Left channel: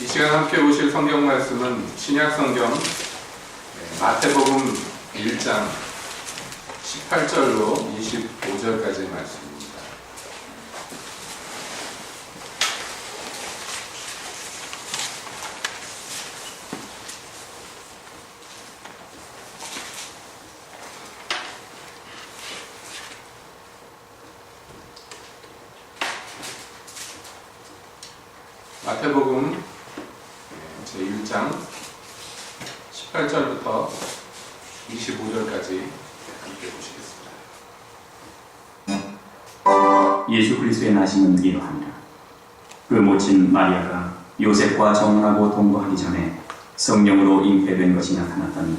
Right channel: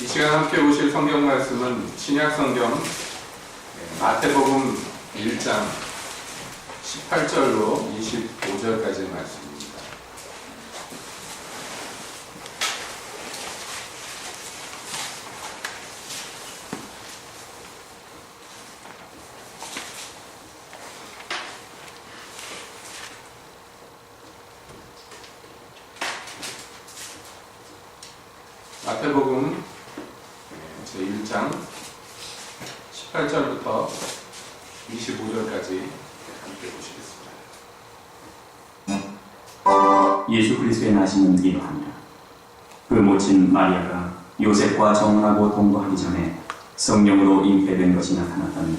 이 시간 함께 보실 성경 말씀은 신약 성경 마태복음 1장 18절로 25절까지의 말씀입니다. 마태복음 제1장 18절부터 25절까지 함께 보시겠습니다. 예수 그리스도의 나심은 이러하니라. 그 모친 마리아가 요셉과 정혼하고 동거하기 전에 성령으로 잉태된 것이 나타났더니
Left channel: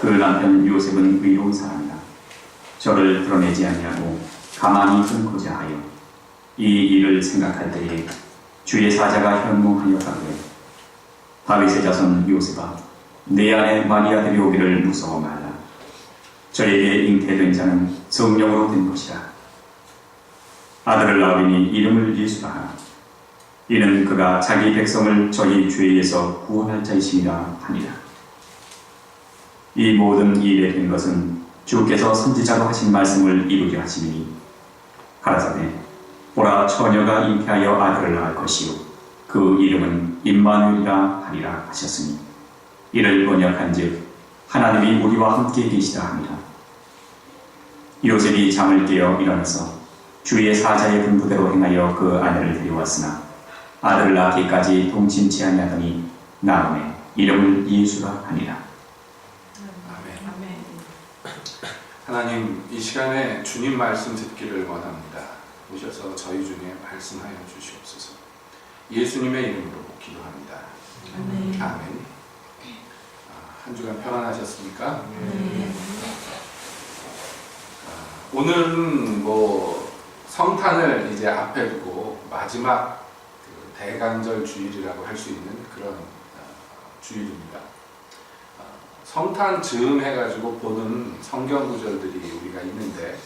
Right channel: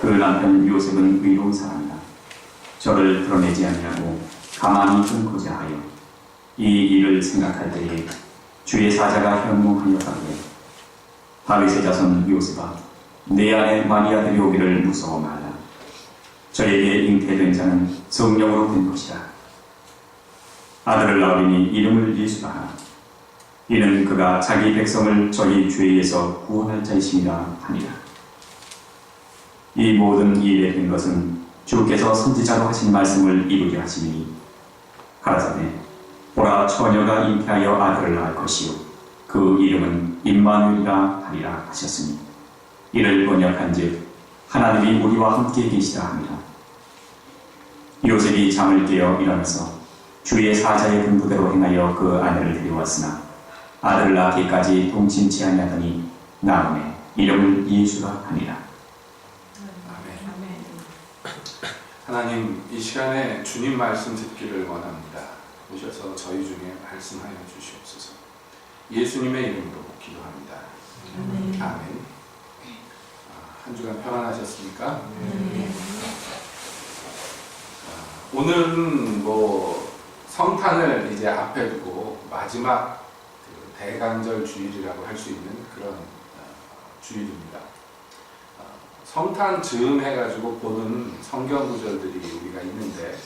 그 남편 요셉은 의로운 사람이라. 저를 드러내지 아니하고 가만히 끊고자 하여 이 일을 생각할 때에 주의 사자가 현몽하였다고 해. 다윗의 자손 요셉아, 내 아내 마리아 데려오기를 무서워 말라. 저에게 잉태된 자는 성령으로 된 것이라. 아들을 낳으리니 이름을 예수라 하라. 이는 그가 자기 백성을 저희 죄에서 구원할 자이심이라 하니라. 이 모든 일에 된 것은 주께서 선지자로 하신 말씀을 이루게 하시니 가라사대 보라, 처녀가 잉태하여 아들을 낳을 것이요 그 이름은 임마누엘이라 하리라 하셨으니 이를 번역한즉 하나님이 우리와 함께 계시다 합니다. 요셉이 잠을 깨어 일어나서 주의 사자의 분부대로 행하여 그 아내를 데려왔으나 아들을 낳기까지 동침치 아니하더니 나음에 이름을 예수라 하니라. 아멘. 하나님, 이 시간에 주님 말씀 듣기를 원합니다. 오셔서 저희 중에 말씀하여 주시옵소서. 예수님의 이름으로 기도합니다. 아멘. 한 주간 평안하셨습니까? 오늘은 성탄을 이제 앞에 두고 마지막 대강절 주일이라고 할 수 있는 그런 주일입니다. 성탄 즈음 해가지고 보는 성경 구절들이 우리가 있는데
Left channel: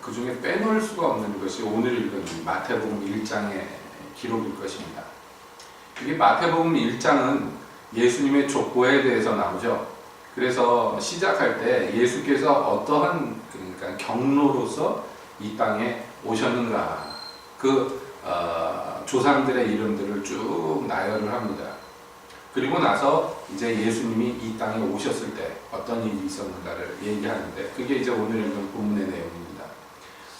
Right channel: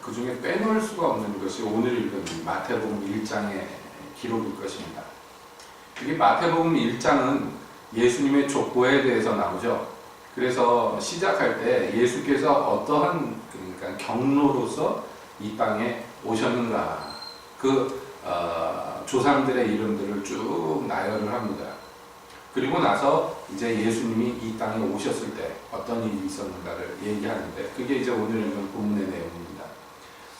그 중에 빼놓을 수가 없는 것이 오늘 읽은 마태복음 1장의 기록일 것입니다. 이게 마태복음 1장은 예수님의 족보에 대해서 나오죠. 그래서 시작할 때 예수께서 어떠한 경로로서 이 땅에 오셨는가, 조상들의 이름들을 쭉 나열을 합니다. 그리고 나서 이제 예수님이 이 땅에 오셨을 때 어떤 일이 있었는가를 얘기하는데 그게 이제 오늘 읽은 본문의 내용입니다.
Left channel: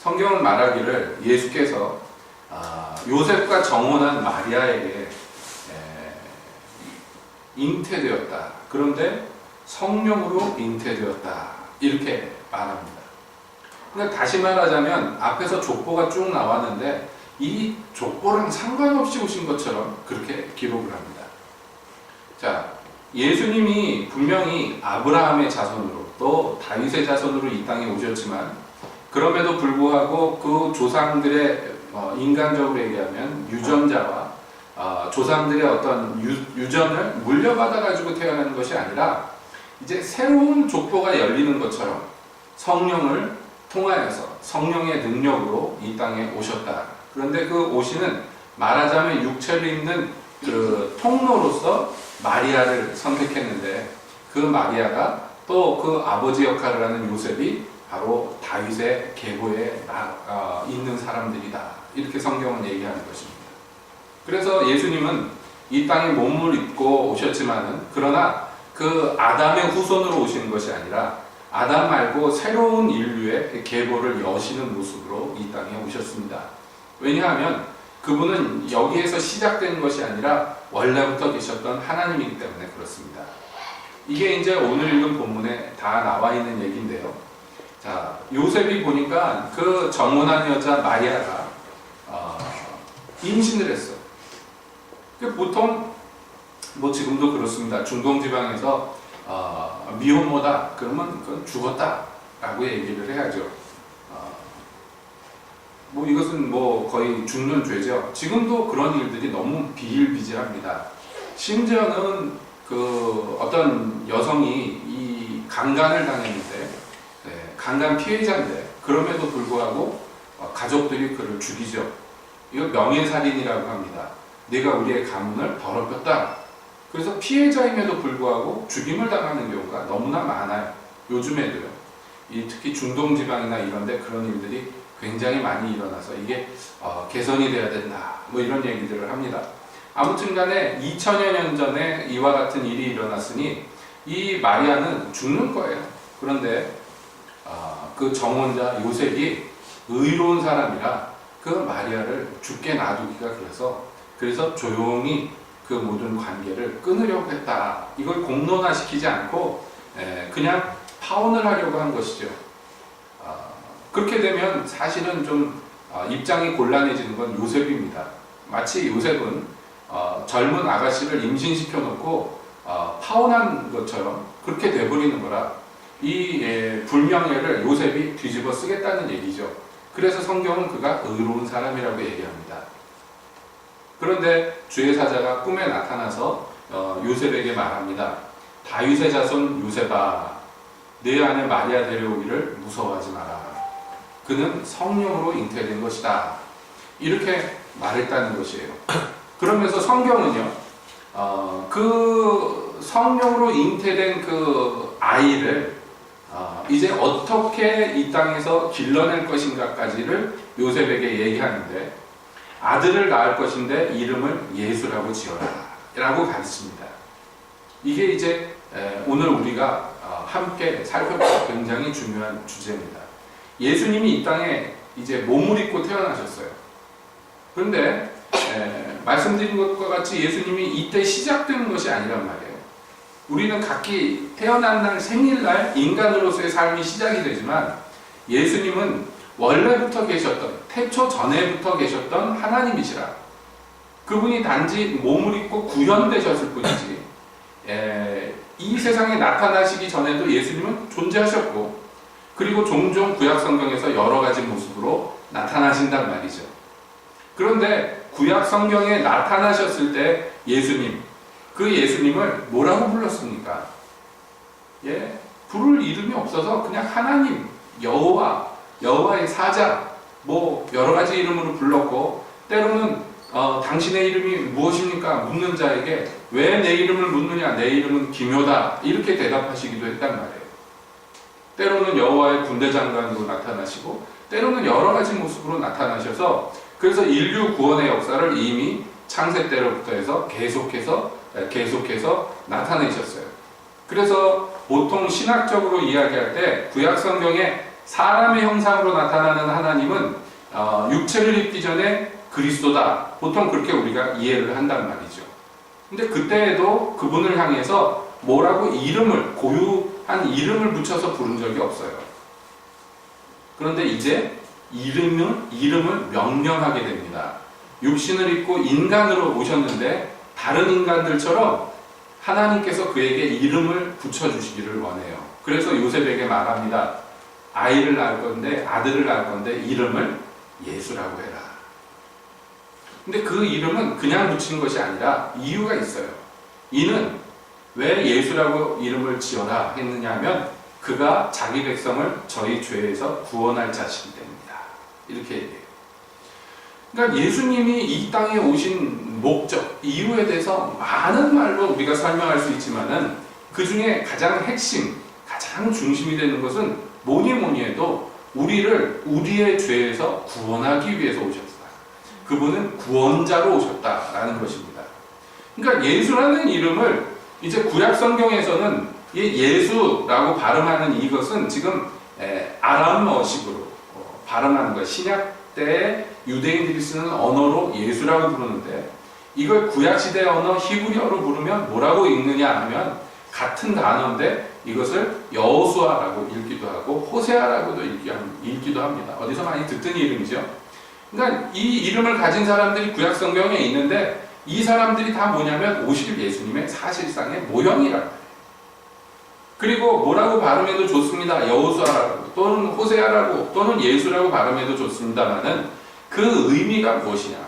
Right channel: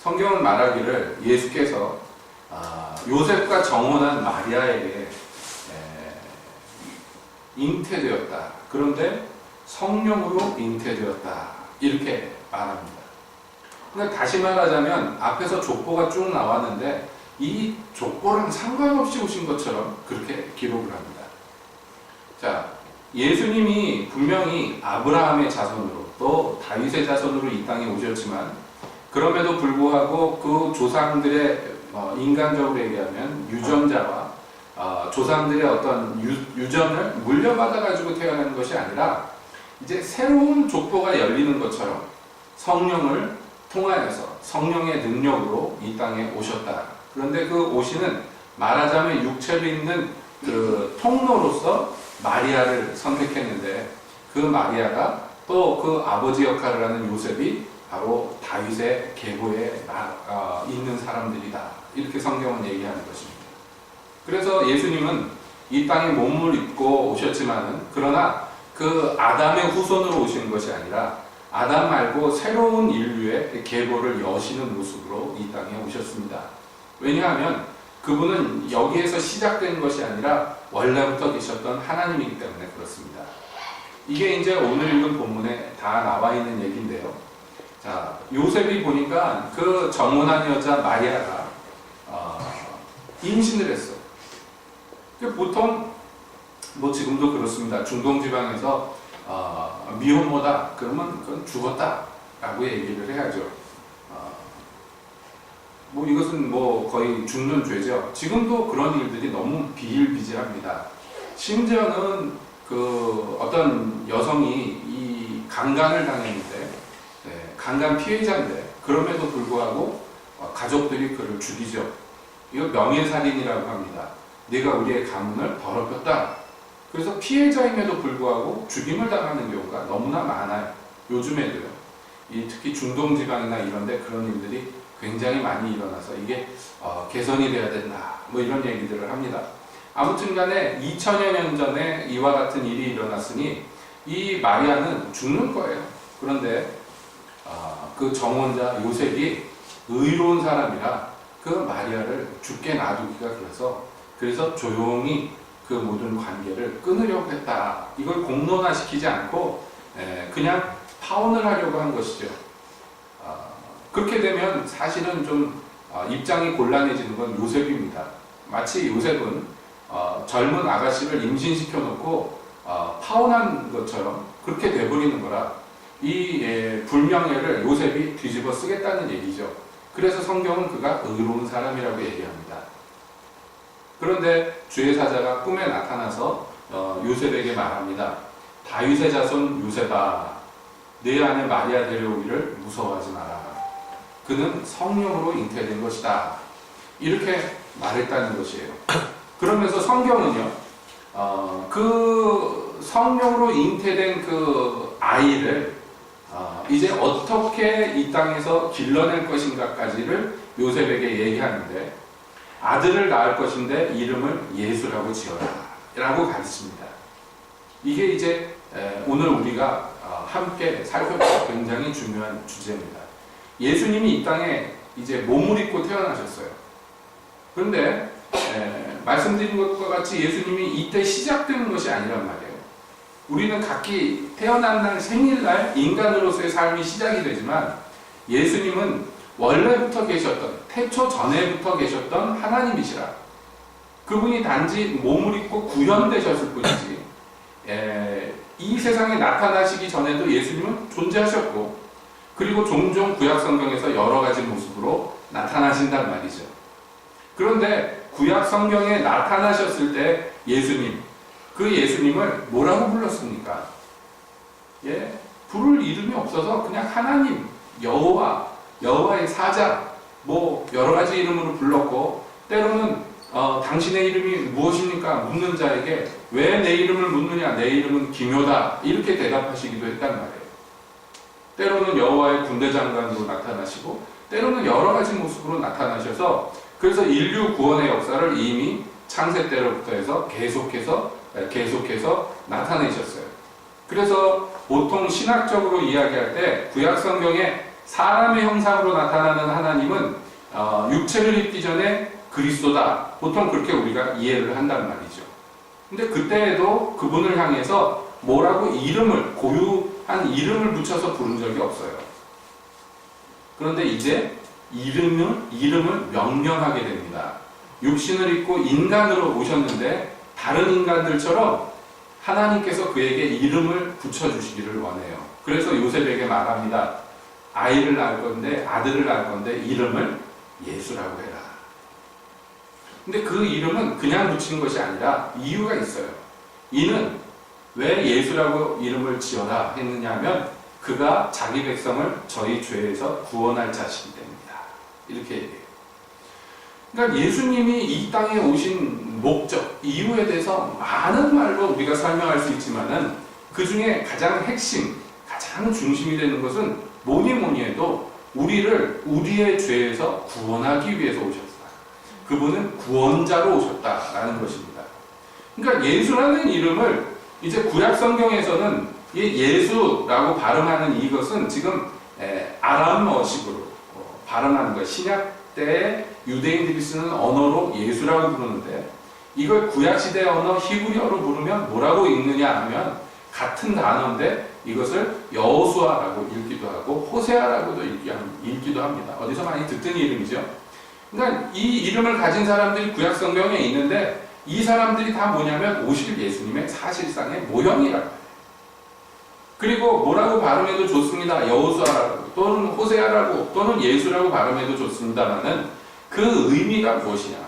성경은 말하기를 예수께서 요셉과 정혼한 마리아에게 잉태되었다. 그런데 성령으로 잉태되었다. 이렇게 말합니다. 그러니까 다시 말하자면 앞에서 족보가 쭉 나왔는데 이 족보랑 상관없이 오신 것처럼 그렇게 기록을 합니다. 자, 예수님이 분명히 아브라함의 자손으로 또 다윗의 자손으로 이 땅에 오셨지만 그럼에도 불구하고 그 조상들의 인간적으로 얘기하면 유전자와 조상들의 어떤 유전을 물려받아 가지고 태어나는 것이 아니라 이제 새로운 족보가 열리는 것처럼 성령을 통하여서 성령의 능력으로 이 땅에 오셨다. 그런데 그 오시는 말하자면 육체를 입는 그 통로로서 마리아를 선택했는데 그 마리아가 또 그 아버지 역할을 하는 요셉이 바로 다윗의 계보에 있는 사람들이다. 이렇게 성경은 얘기하는 것입니다. 그래서 예수님은 이 땅에 몸을 입고 오셨지만은 그러나 그 아담의 후손으로 오시는 것이 아니라 아담 말고 새로운 인류의 계보를 여시는 모습으로 이 땅에 오셨습니다. 왜냐하면 그분은 여기에서 시작된 것이 아니라 원래부터 계셨던 하나님이기 때문에 그렇습니다. 이게 이제 오늘 읽은 본문에 다 나와 있는 얘기인데요. 자, 요셉이 보니까 그 정혼한 여자 마리아가 임신을 했어. 보통 지금도 그렇습니다. 중동 지방에서 미혼모다 그러면 그건 죽었다라고 얘기를 해야죠. 이것은 거의 죽는 죄죠. 지금도 그런 일들이 너무 비일비재합니다. 심지어는 어떤 여성이 이 강간을 당했는데 강간 피해자인데 그럼에도 불구하고 가족들이 그를 죽이죠. 이거 명예살인이라고 합니다. 내가 우리의 가문을 더럽혔다. 그래서 피해자임에도 불구하고 죽임을 당하는 경우가 너무나 많아요. 요즘에도요. 특히 중동 지방이나 이런데 그런 일들이 굉장히 많이 일어나서 이게 개선이 돼야 된다. 뭐 이런 얘기들을 합니다. 아무튼간에 2000여 년 전에 이와 같은 일이 일어났으니 이 마리아는 죽는 거예요. 그런데 그 정혼자 요셉이 의로운 사람이라 그 마리아를 죽게 놔두기가 그래서 조용히 그 모든 관계를 끊으려고 했다. 이걸 공론화시키지 않고 그냥 파혼을 하려고 한 것이죠. 그렇게 되면 사실은 좀 입장이 곤란해지는 건 요셉입니다. 마치 요셉은 젊은 아가씨를 임신시켜 놓고 파혼한 것처럼 그렇게 돼버리는 거라 이 불명예를 요셉이 뒤집어 쓰겠다는 얘기죠. 그래서 성경은 그가 의로운 사람이라고 얘기합니다. 그런데 주의 사자가 꿈에 나타나서 요셉에게 말합니다. 다윗의 자손 요셉아, 내 아내 마리아 데려오기를 무서워하지 마라. 그는 성령으로 잉태된 것이다. 이렇게 말했다는 것이에요. 그러면서 성경은요, 그 성령으로 잉태된 그 아이를 이제 어떻게 이 땅에서 길러낼 것인가까지를 요셉에게 얘기하는데, 아들을 낳을 것인데 이름을 예수라고 지어라 라고 가르칩니다. 이게 이제 오늘 우리가 함께 살펴볼 굉장히 중요한 주제입니다. 예수님이 이 땅에 이제 몸을 입고 태어나셨어요. 그런데 말씀드린 것과 같이 예수님이 이때 시작되는 것이 아니란 말이에요. 우리는 각기 태어난 날 생일날 인간으로서의 삶이 시작이 되지만 예수님은 원래부터 계셨던, 태초 전에부터 계셨던 하나님이시라. 그분이 단지 몸을 입고 구현되셨을 뿐이지 이 세상에 나타나시기 전에도 예수님은 존재하셨고, 그리고 종종 구약 성경에서 여러 가지 모습으로 나타나신단 말이죠. 그런데 구약 성경에 나타나셨을 때 예수님, 그 예수님을 뭐라고 불렀습니까? 부를 이름이 없어서 그냥 하나님, 여호와의 사자, 뭐 여러 가지 이름으로 불렀고, 때로는 당신의 이름이 무엇입니까? 묻는 자에게 왜 내 이름을 묻느냐? 내 이름은 기묘다. 이렇게 대답하시기도 했단 말이에요. 때로는 여호와의 군대 장관으로 나타나시고, 때로는 여러 가지 모습으로 나타나셔서, 그래서 인류 구원의 역사를 이미 창세 때로부터 해서 계속해서 나타내셨어요. 그래서 보통 신학적으로 이야기할 때 구약 성경에 사람의 형상으로 나타나는 하나님은 육체를 입기 전에 그리스도다. 보통 그렇게 우리가 이해를 한단 말이죠. 근데 그때에도 그분을 향해서 뭐라고 고유한 이름을 붙여서 부른 적이 없어요. 그런데 이제 이름을 명령하게 됩니다. 육신을 입고 인간으로 오셨는데 다른 인간들처럼 하나님께서 그에게 이름을 붙여주시기를 원해요. 그래서 요셉에게 말합니다. 아들을 낳을 건데 이름을 예수라고 해라. 근데 그 이름은 그냥 붙인 것이 아니라 이유가 있어요. 이는 왜 예수라고 이름을 지어라 했느냐 하면 그가 자기 백성을 저희 죄에서 구원할 자식이 됩니다. 이렇게 얘기해요. 그러니까 예수님이 이 땅에 오신 목적, 이유에 대해서 많은 말로 우리가 설명할 수 있지만은 그 중에 가장 핵심, 가장 중심이 되는 것은 뭐니 해도 우리의 죄에서 구원하기 위해서 오셨다. 그분은 구원자로 오셨다라는 것입니다. 그러니까 예수라는 이름을 이제 구약 성경에서는 예수라고 발음하는 이것은 지금 아람어식으로 발음하는 거예요. 신약 때 유대인들이 쓰는 언어로 예수라고 부르는데, 이걸 구약시대 언어 히브리어로 부르면 뭐라고 읽느냐 하면 같은 단어인데 이것을 여호수아라고 읽기도 하고 호세아라고도 읽기도 합니다. 어디서 많이 듣던 이름이죠. 그러니까 이 이름을 가진 사람들이 구약 성경에 있는데 이 사람들이 다 뭐냐면 오실 예수님의 사실상의 모형이라고 해요. 그리고 뭐라고 발음해도 좋습니다. 여호수아라고 또는 호세아라고 또는 예수라고 발음해도 좋습니다만은 그 의미가 무엇이냐?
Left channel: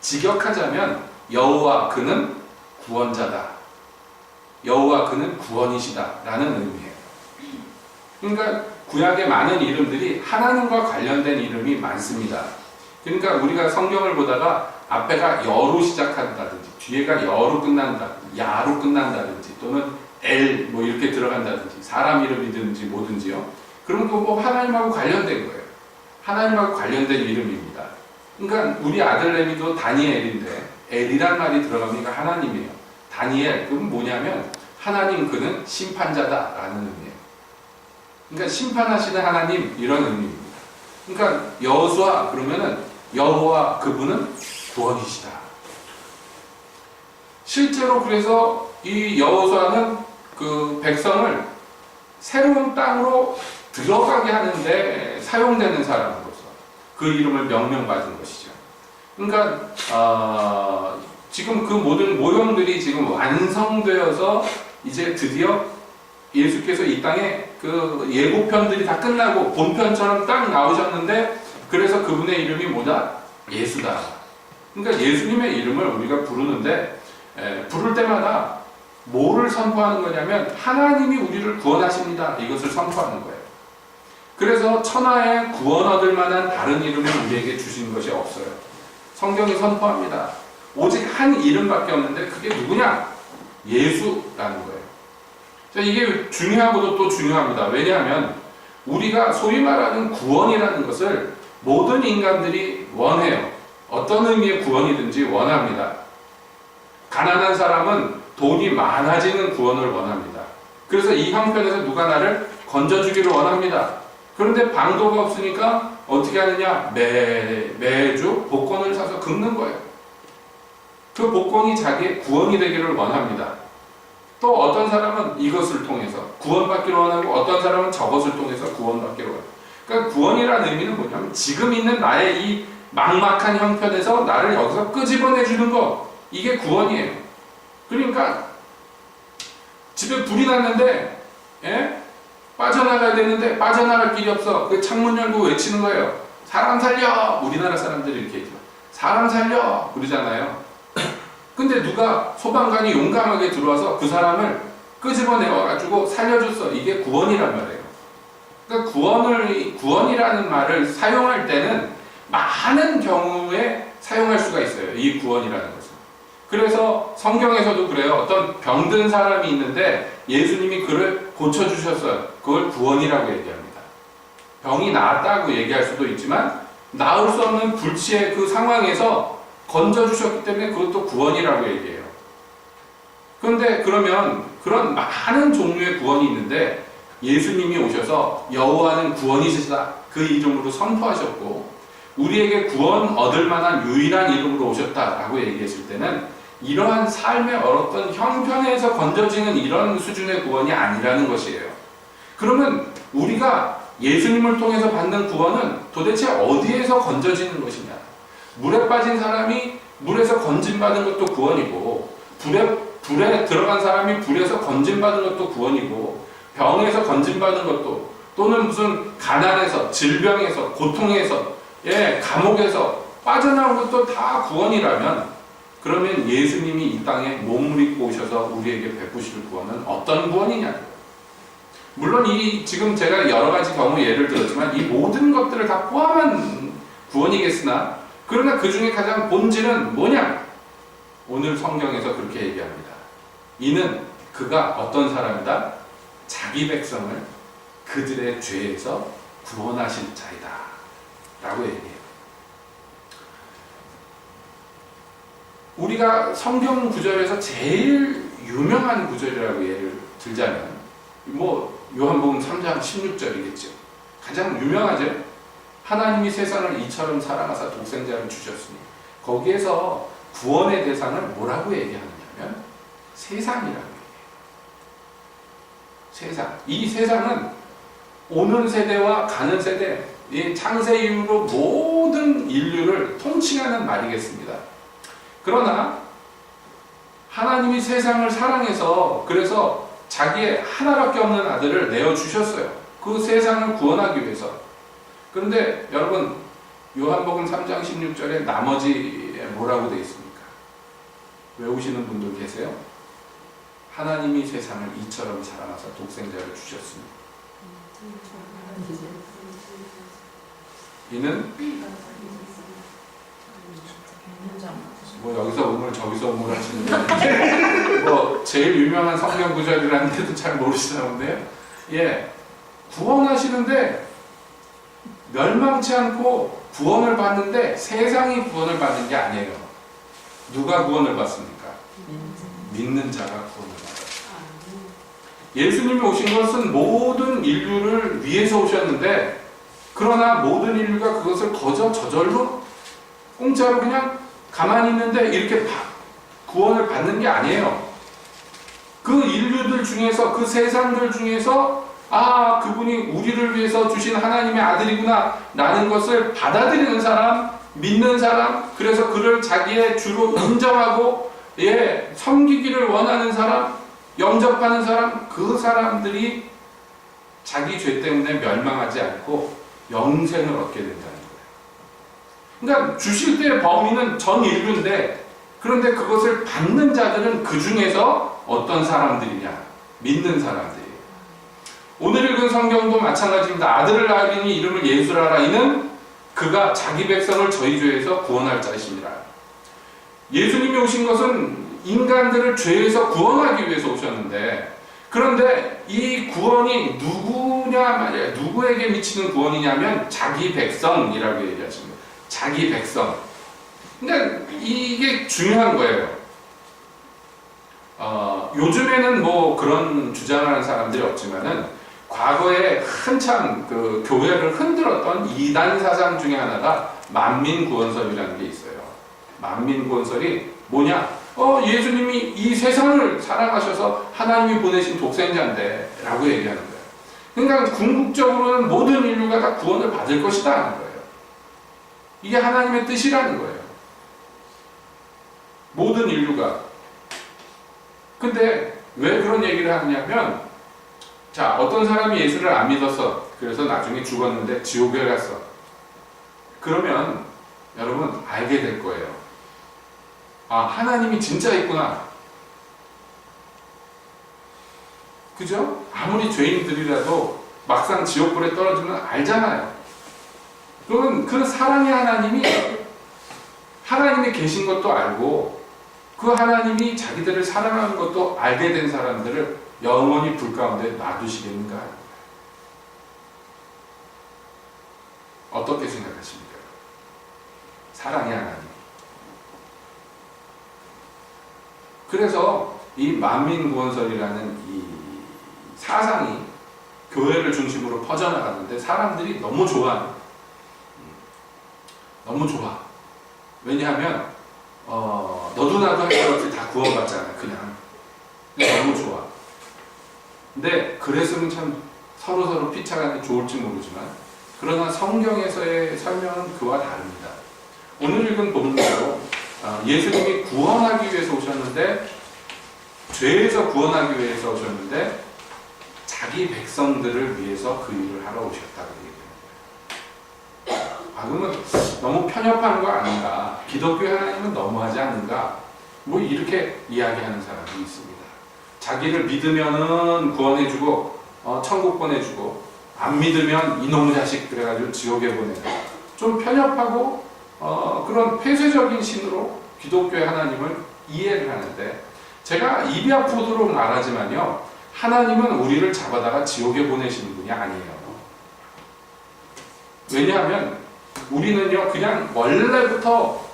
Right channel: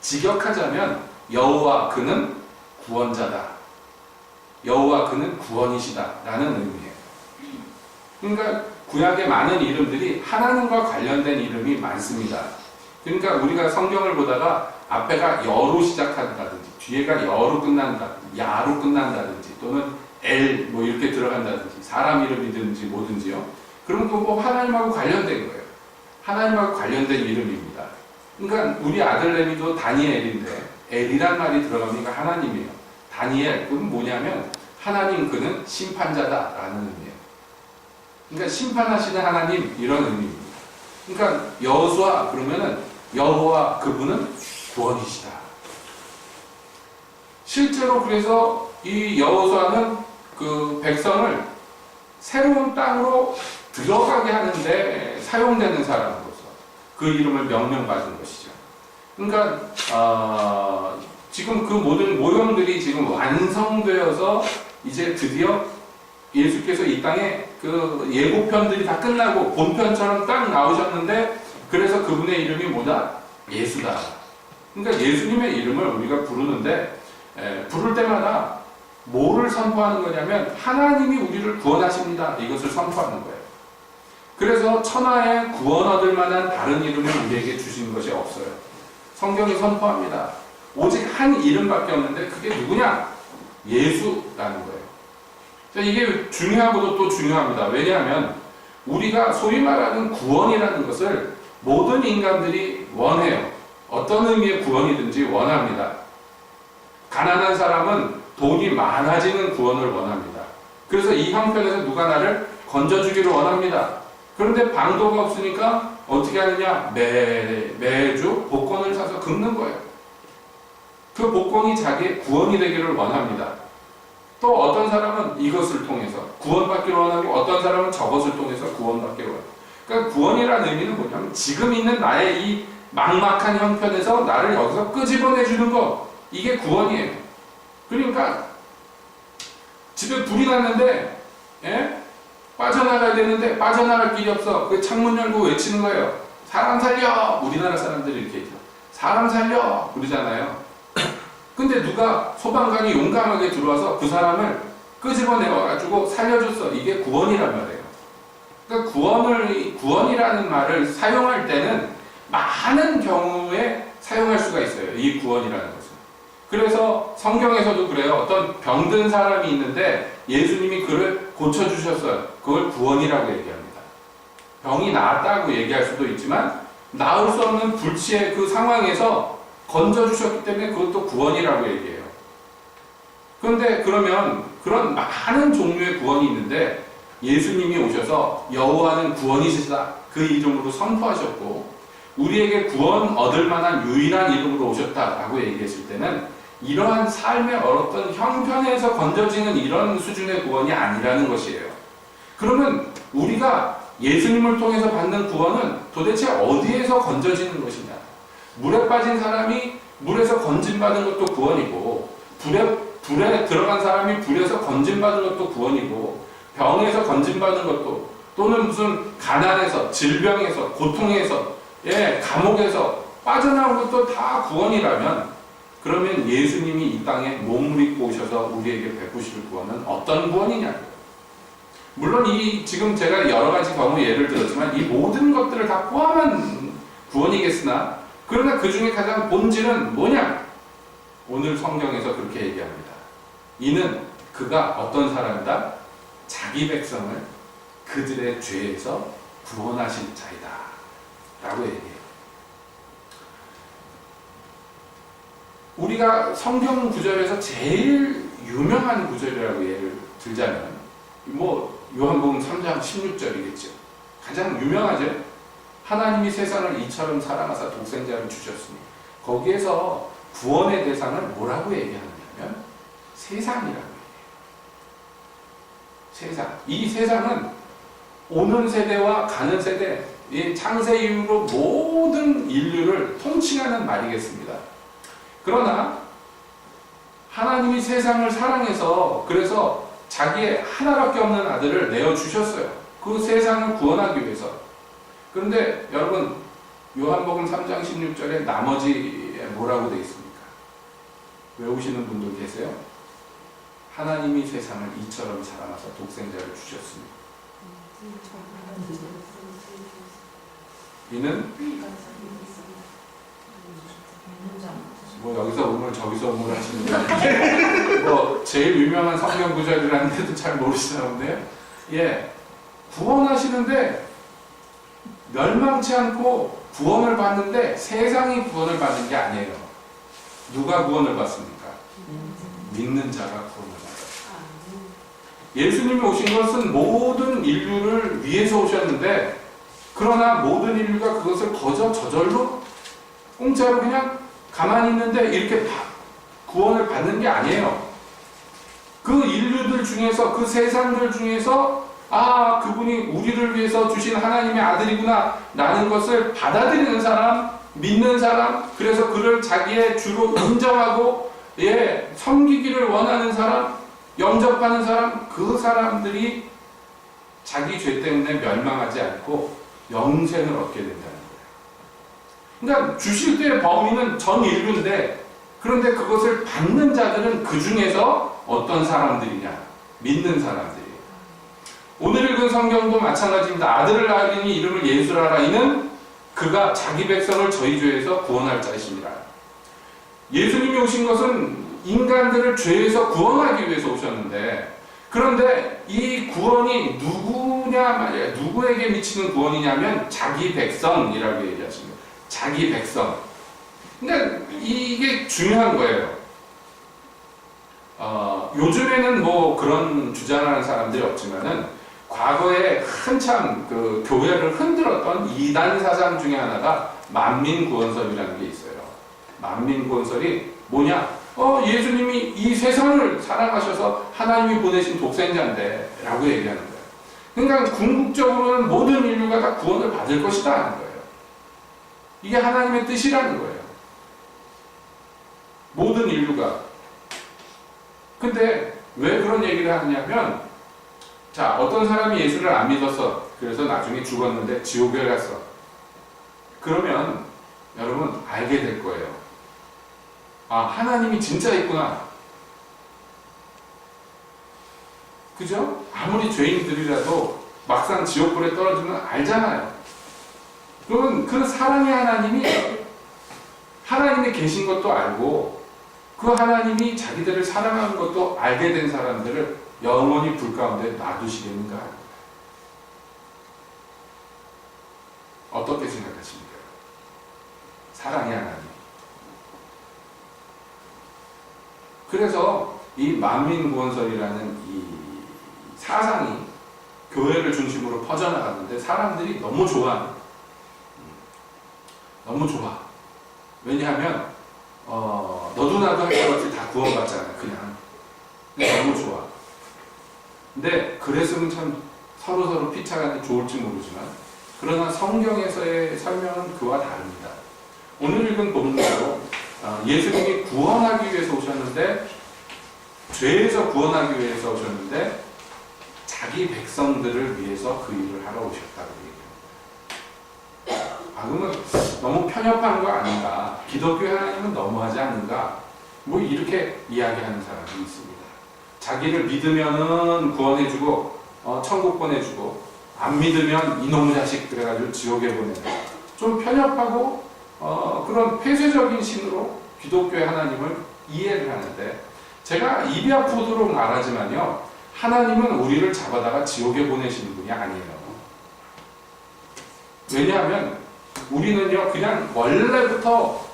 직역하자면 여호와 그는 구원자다. 여호와 그는 구원이시다 라는 의미예요. 그러니까 구약의 많은 이름들이 하나님과 관련된 이름이 많습니다. 그러니까 우리가 성경을 보다가 앞에가 여로 시작한다든지 뒤에가 여로 끝난다든지 야로 끝난다든지 또는 L 뭐 이렇게 들어간다든지 사람 이름이든지 뭐든지요. 그러면 그거 뭐 하나님하고 관련된 거예요. 하나님하고 관련된 이름입니다. 그러니까 우리 아들 레미도 다니엘인데 엘이란 말이 들어가니까 하나님이에요. 다니엘 그건 뭐냐면 하나님 그는 심판자다라는 의미예요. 그러니까 심판하시는 하나님 이런 의미입니다. 그러니까 여호수아 그러면은 여호와 그분은 구원이시다. 실제로 그래서 이 여호수아는 그 백성을 새로운 땅으로 들어가게 하는데 사용되는 사람으로서 그 이름을 명명받은 것이죠. 그러니까 지금 그 모든 모형들이 지금 완성되어서 이제 드디어 예수께서 이 땅에 그 예고편들이 다 끝나고 본편처럼 딱 나오셨는데 그래서 그분의 이름이 뭐다? 예수다. 그러니까 예수님의 이름을 우리가 부르는데 부를 때마다 뭐를 선포하는 거냐면 하나님이 우리를 구원하십니다. 이것을 선포하는 거예요. 그래서 천하에 구원 얻을 만한 다른 이름을 우리에게 주신 것이 없어요. 성경이 선포합니다. 오직 한 이름밖에 없는데 그게 누구냐? 예수라는 거예요. 이게 중요하고도 또 중요합니다. 왜냐하면 우리가 소위 말하는 구원이라는 것을 모든 인간들이 원해요. 어떤 의미의 구원이든지 원합니다. 가난한 사람은 돈이 많아지는 구원을 원합니다. 그래서 이 형편에서 누가 나를 건져주기를 원합니다. 그런데 방도가 없으니까 어떻게 하느냐? 매주 복권을 사서 긁는 거예요. 그 복권이 자기의 구원이 되기를 원합니다. 또 어떤 사람은 이것을 통해서 구원받기를 원하고 어떤 사람은 저것을 통해서 구원받기를 원해요. 그러니까 구원이라는 의미는 뭐냐면 지금 있는 나의 이 막막한 형편에서 나를 여기서 끄집어내주는 거, 이게 구원이에요. 그러니까 집에 불이 났는데 빠져나가야 되는데 빠져나갈 길이 없어. 그 창문 열고 외치는 거예요. 사람 살려! 우리나라 사람들이 이렇게 했죠. 사람 살려! 그러잖아요. 근데 누가 소방관이 용감하게 들어와서 그 사람을 끄집어내가지고 살려줬어. 이게 구원이란 말이에요. 그러니까 구원이라는 말을 사용할 때는 많은 경우에 사용할 수가 있어요. 이 구원이라는 것은. 그래서 성경에서도 그래요. 어떤 병든 사람이 있는데 예수님이 그를 고쳐주셨어요. 그걸 구원이라고 얘기합니다. 병이 나았다고 얘기할 수도 있지만 나을 수 없는 불치의 그 상황에서 건져주셨기 때문에 그것도 구원이라고 얘기해요. 그런데 그러면 그런 많은 종류의 구원이 있는데 예수님이 오셔서 여호와는 구원이시다. 그 이름으로 선포하셨고 우리에게 구원 얻을 만한 유일한 이름으로 오셨다라고 얘기했을 때는 이러한 삶의 어떤 형편에서 건져지는 이런 수준의 구원이 아니라는 것이에요. 그러면 우리가 예수님을 통해서 받는 구원은 도대체 어디에서 건져지는 것이냐? 물에 빠진 사람이 물에서 건진받은 것도 구원이고 불에 들어간 사람이 불에서 건진받은 것도 구원이고 병에서 건진받은 것도 또는 무슨 가난에서 질병에서 고통에서 감옥에서 빠져나온 것도 다 구원이라면 그러면 예수님이 이 땅에 몸을 입고 오셔서 우리에게 베푸실 구원은 어떤 구원이냐? 물론 지금 제가 여러 가지 경우 예를 들었지만 이 모든 것들을 다 포함한 구원이겠으나 그러나 그 중에 가장 본질은 뭐냐? 오늘 성경에서 그렇게 얘기합니다. 이는 그가 어떤 사람이다? 자기 백성을 그들의 죄에서 구원하실 자이다 라고 얘기해요. 우리가 성경 구절에서 제일 유명한 구절이라고 예를 들자면 요한복음 3장 16절이겠죠. 가장 유명하죠. 하나님이 세상을 이처럼 사랑하사 독생자를 주셨으니 거기에서 구원의 대상을 뭐라고 얘기하느냐면 세상이라고 얘기해요. 세상. 이 세상은 오는 세대와 가는 세대, 창세 이후로 모든 인류를 통칭하는 말이겠습니다. 그러나 하나님이 세상을 사랑해서 그래서 자기의 하나밖에 없는 아들을 내어주셨어요. 그 세상을 구원하기 위해서. 그런데 여러분 요한복음 3장 16절에 나머지에 뭐라고 되어 있습니까? 외우시는 분들 계세요? 하나님이 세상을 이처럼 사랑하사 독생자를 주셨으니 이는 뭐 여기서 우물 저기서 우물 하시는데 뭐 제일 유명한 성경 구절이라는데도 잘 모르시나 본데요. 예, 구원하시는데 멸망치 않고 구원을 받는데 세상이 구원을 받는 게 아니에요. 누가 구원을 받습니까? 믿는 자가 구원을 받아요. 예수님이 오신 것은 모든 인류를 위해서 오셨는데, 그러나 모든 인류가 그것을 거저 저절로 공짜로 그냥 가만히 있는데 이렇게 구원을 받는 게 아니에요. 그 인류들 중에서, 그 세상들 중에서 아, 그분이 우리를 위해서 주신 하나님의 아들이구나 라는 것을 받아들이는 사람, 믿는 사람, 그래서 그를 자기의 주로 인정하고 섬기기를 원하는 사람, 영접하는 사람, 그 사람들이 자기 죄 때문에 멸망하지 않고 영생을 얻게 된다는 거예요. 그러니까 주실 때의 범위는 전 인류인데, 그런데 그것을 받는 자들은 그 중에서 어떤 사람들이냐? 믿는 사람들이에요. 오늘 읽은 성경도 마찬가지입니다. 아들을 낳으리니 이름을 예수라라. 이는 그가 자기 백성을 저희 죄에서 구원할 자이십니다. 예수님이 오신 것은 인간들을 죄에서 구원하기 위해서 오셨는데, 그런데 이 구원이 누구냐 말이야. 누구에게 미치는 구원이냐면 자기 백성이라고 얘기하십니다. 자기 백성. 그러니까 이게 중요한 거예요. 요즘에는 뭐 그런 주장하는 사람들이 없지만은 과거에 한참 그 교회를 흔들었던 이단 사상 중에 하나가 만민구원설이라는 게 있어요. 만민구원설이 뭐냐? 예수님이 이 세상을 사랑하셔서 하나님이 보내신 독생자인데 라고 얘기하는 거예요. 그러니까 궁극적으로는 모든 인류가 다 구원을 받을 것이다 하는 거예요. 이게 하나님의 뜻이라는 거예요. 모든 인류가. 근데 왜 그런 얘기를 하냐면, 자, 어떤 사람이 예수를 안 믿었어. 그래서 나중에 죽었는데 지옥에 갔어. 그러면 여러분 알게 될 거예요. 아, 하나님이 진짜 있구나. 그죠? 아무리 죄인들이라도 막상 지옥불에 떨어지면 알잖아요. 그러면 그 사랑의 하나님이 계신 것도 알고, 그 하나님이 자기들을 사랑하는 것도 알게 된 사람들을 영원히 불 가운데 놔두시겠는가? 어떻게 생각하십니까? 사랑의 하나님. 그래서 이 만민구원설이라는 이 사상이 교회를 중심으로 퍼져나갔는데 사람들이 너무 좋아하는, 너무 좋아. 왜냐하면 너도 나도 할 것 없이 다 구원받잖아. 그냥 너무 좋아. 근데 그랬으면 참 서로 피차가 좋을지 모르지만, 그러나 성경에서의 설명은 그와 다릅니다. 오늘 읽은 본문으로 예수님이 구원하기 위해서 오셨는데, 죄에서 구원하기 위해서 오셨는데 자기 백성들을 위해서 그 일을 하러 오셨다고 얘기합니다. 그러면 너무 편협한 거 아닌가? 기독교 하나님은 너무하지 않는가? 뭐 이렇게 이야기하는 사람이 있습니다. 자기를 믿으면은 구원해주고 천국 보내주고, 안 믿으면 이놈의 자식 그래가지고 지옥에 보내는, 좀 편협하고 그런 폐쇄적인 신으로 기독교의 하나님을 이해를 하는데, 제가 입이 아프도록 말하지만요, 하나님은 우리를 잡아다가 지옥에 보내시는 분이 아니에요. 왜냐하면 우리는요, 그냥 원래부터